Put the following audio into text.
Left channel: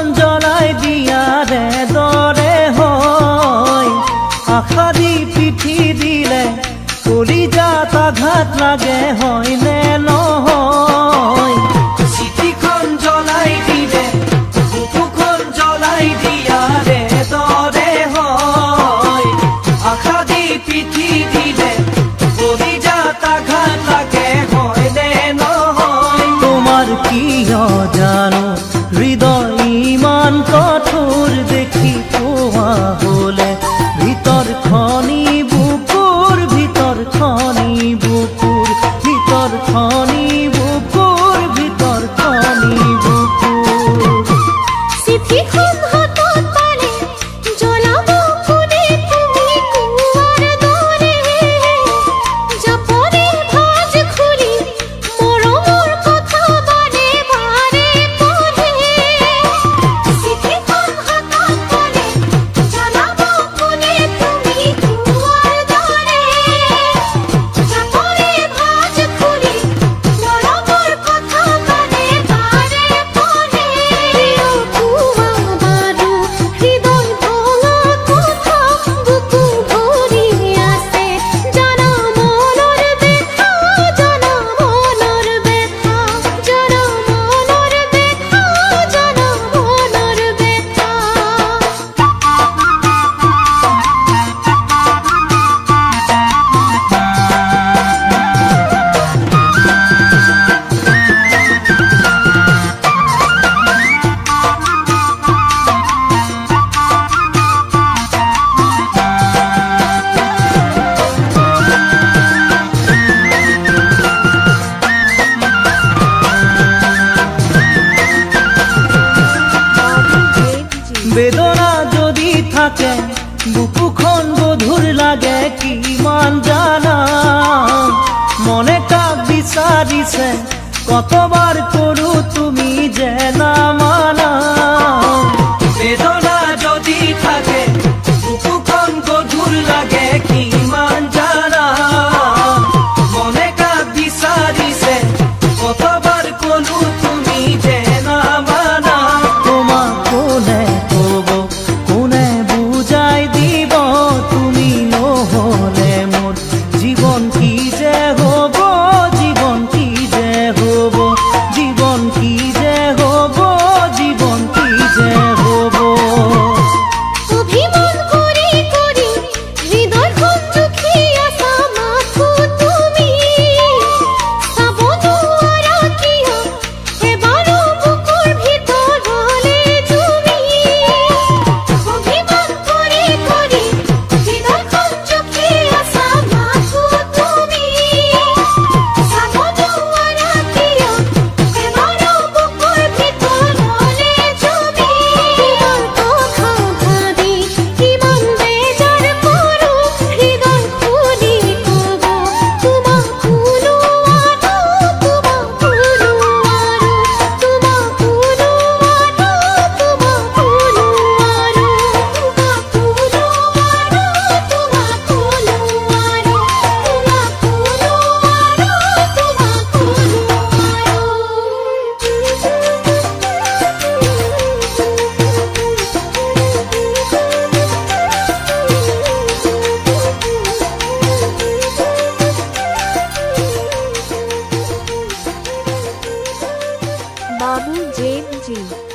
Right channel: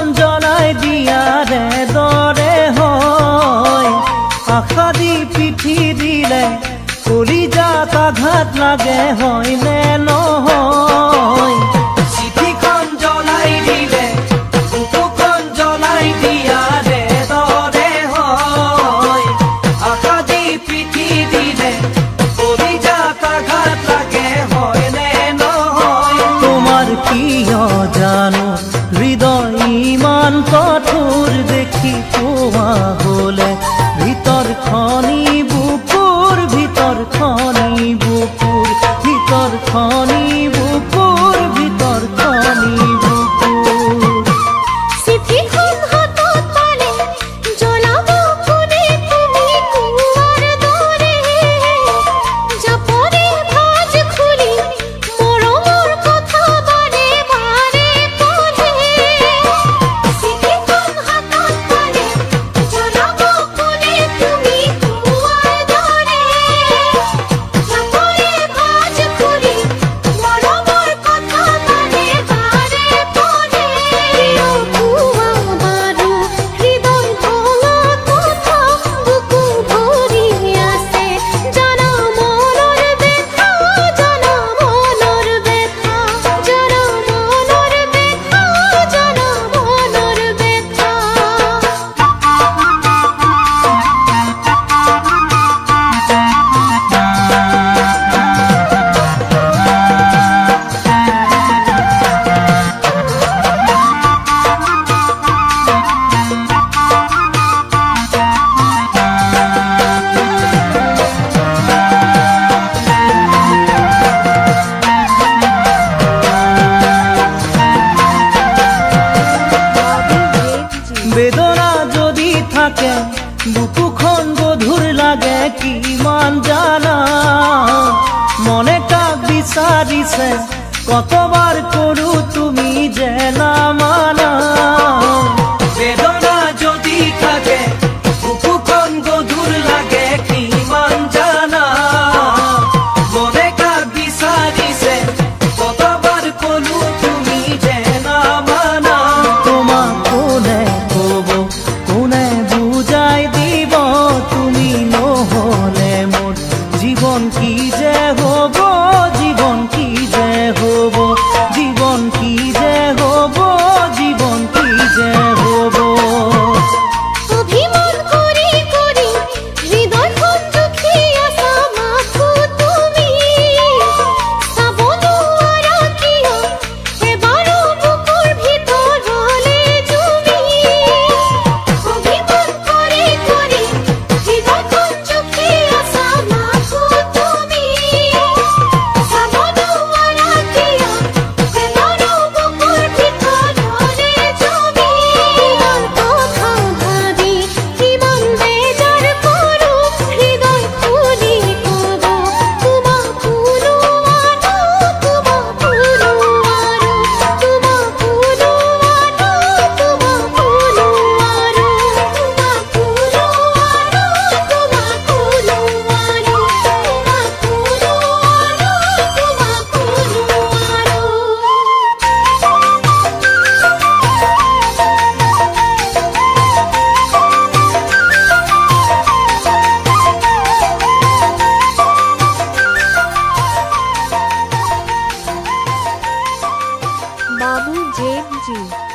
চিঠিখন জ্বলাই দিয়াৰে দৰে হয় আশা দি পিঠি দিলে কলিজাত আঘাত লাগে হয় নে নহয় চিঠিখন জ্বলাই দিলে বুকুখন জ্বলাই দিয়াৰে দৰে হয় আশা দি পিঠি দিলে কলিজাত আঘাত লাগে হয় নে নহয় তোমার কি জানো হৃদয় ইমান কঠোর দেখি পোৱা হলে ভিতৰ খনি বুকুৰ ভিতৰ খনি বুকুৰ ভিতৰ খনি বুকুৰ ভিতৰ খনি বুকুৰ চিঠিখন হাতত পালে জ্বলাব কোনে তুমি কুৱাৰ দৰে জাপৰে ভাজ খুলি মৰমৰ কথা বাৰে বাৰে পঢ়ে চিঠিখন হাতত পালে জ্বলাব কোনে তুমি কুৱাৰ দৰে জাপৰে ভাজ খুলি মৰমৰ কথা বাৰে বাৰে পঢ়ে কুৱা বাৰু হৃদয় ভঙা কথা বুকু ভৰি আছে জানা মনৰ ব্যথা জানা মনৰ ব্যথা জানা মনৰ ব্যথা জানা মনৰ ব্যথা বেদনা যদি থাকে বুকুখন গধুৰ লাগে কিমান জানা মনে কাক বিচাৰিছে কতবাৰ কৰো তুমি যে নামানা বেদনা যদি থাকে বুকুখন গধুৰ লাগে কিমান জানা মনে কাক বিচাৰিছে কতবাৰ কৰো তুমি যে নামানা তোমাক কোনে কব কোনে বুজাই দিব তুমি নহলে মোৰ জীবন কি যে হব জীবন কি যে হব জীবন কি যে হব জীবন কি যে হব অভিমান কৰি কৰি হৃদয়খন দুখী আছা মাথো তুমি চাব নোৱাৰা কিয় এবাৰো বুকুৰ ভিতৰলে তুমি অভিমান কৰি কৰি হৃদয়খন দুখী আছা মাথো তুমি চাব নোৱাৰা কিয় এবাৰো বুকুৰ ভিতৰলে তুমি তোমাৰ কথা ভাবি কিমান বেজাৰ কৰো হৃদয় খুলি কব তোমাক কোনো আৰু তোমাক কোনো আৰু তোমাক কোনো আৰু তোমাক কোনো আৰু তোমাক কোনো আৰু তোমাক কোনো আৰু তোমাক কোনো আৰু Babu Jain Ji